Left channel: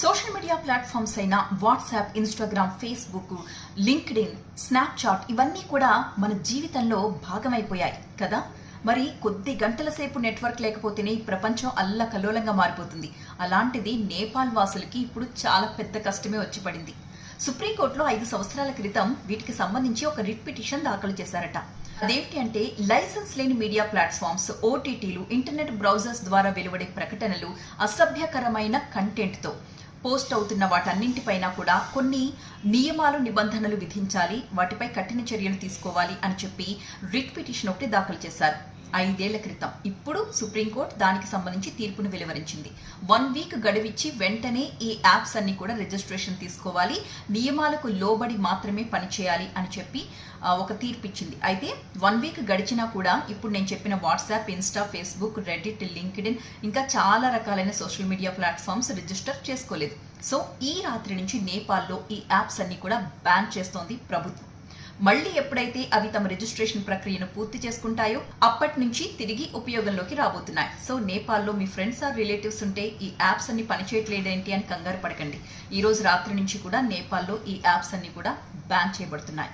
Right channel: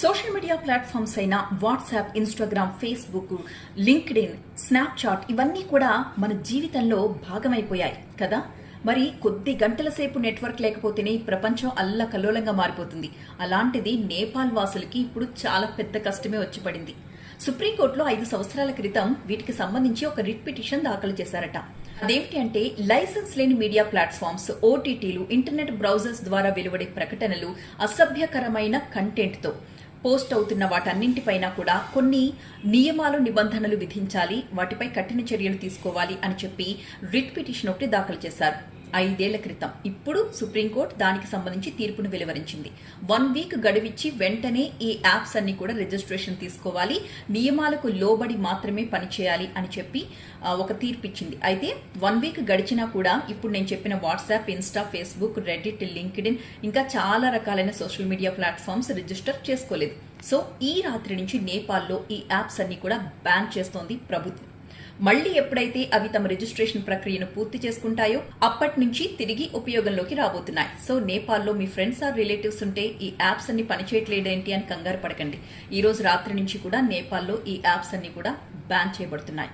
Social media platforms అయిన WhatsApp Instagram Facebook LinkedIn Snapchat ఇవన్నీ కూడా మన జీవితంలో భాగమైపోయాయి కదా? మరి కొద్ది గంటల సేపు నెట్వర్క్ లేకపోతేనే ప్రపంచం అల్లకల్లోలంగా మారిపోతుంది. అలాంటిది నేపాల్ వాసులకి ఇప్పుడు చాలా పెద్ద కష్టమే వచ్చి పడింది. సుప్రీంకోర్టులో ఐదు సంవత్సరాల క్రితం వీటికి సంబంధించి ఒక రిట్ పిటిషన్ దాఖలు చేశారట. అదేమిటి అంటే లైసెన్స్ లేని మీడియా ప్లాట్ఫామ్స్ ఓటీటీలు ఇంటర్నెట్ బ్రౌజర్స్ ద్వారా వెలువడే ప్రకటనలు అసభ్యకరమైన కంటెంట్తో పోస్ట్ అవుతున్న వాటన్నింటిపైన కూడా కొన్ని నియమాలు నిబంధనలు విధించాలి. వాటిపై కఠిన చర్యలు తీసుకోవాలి అని చెప్పి రిట్ పిటిషన్ ఒకటి దాఖలు చేశారు. ఐదేళ్ళ క్రితం. ఇప్పుడు సుప్రీంకోర్టు దానికి సంబంధించి తీర్పును వెలువరించింది. వన్ వీక్ గడువిచ్చి వెంటనే ఈ యాప్స్ అన్ని కూడా రిజిస్ట్రేషన్ తీసుకోవాలి. నియమాలకు లోబడి మాత్రమే పనిచేయాలి అని చెప్పి ఒక తీర్పు ఇచ్చింది అయితే వన్ వీక్ గడిచినా కూడా ఇప్పుడు నేను చెప్పిన WhatsApp Insta Facebook Reddit LinkedIn ఇంకా చాలా రకాలైన సోషల్ మీడియా ప్లాట్ఫామ్స్ రిజిస్టర్ చేసుకోలేదు. సో ఈ రాత్రి నుంచి నేపాల్లో ఈ యాప్స్ అన్ని కూడా బ్యాన్ చేస్తోంది ప్రభుత్వం. మళ్ళీ ఎప్పుడైతే అవి తమ రిజిస్ట్రేషన్ ప్రక్రియను పూర్తి చేసుకుంటాయో అప్పటి నుంచి తిరిగి ఉపయోగంలోకి రాబోతున్నాయి. సో నేపాల్లో మీ ఫ్రెండ్స్ ఆర్ రిలేటివ్స్ ఉంటే ఈ యాప్స్ అన్ని పనిచేయట్లేదేంటి అని కంగారు పడకండి. ఈ రోజు రాత్రి నుంచి కూడా నేపాల్లో ఈ యాప్స్ అన్ని కూడా బ్యాన్ చేయబడుతున్నాయి.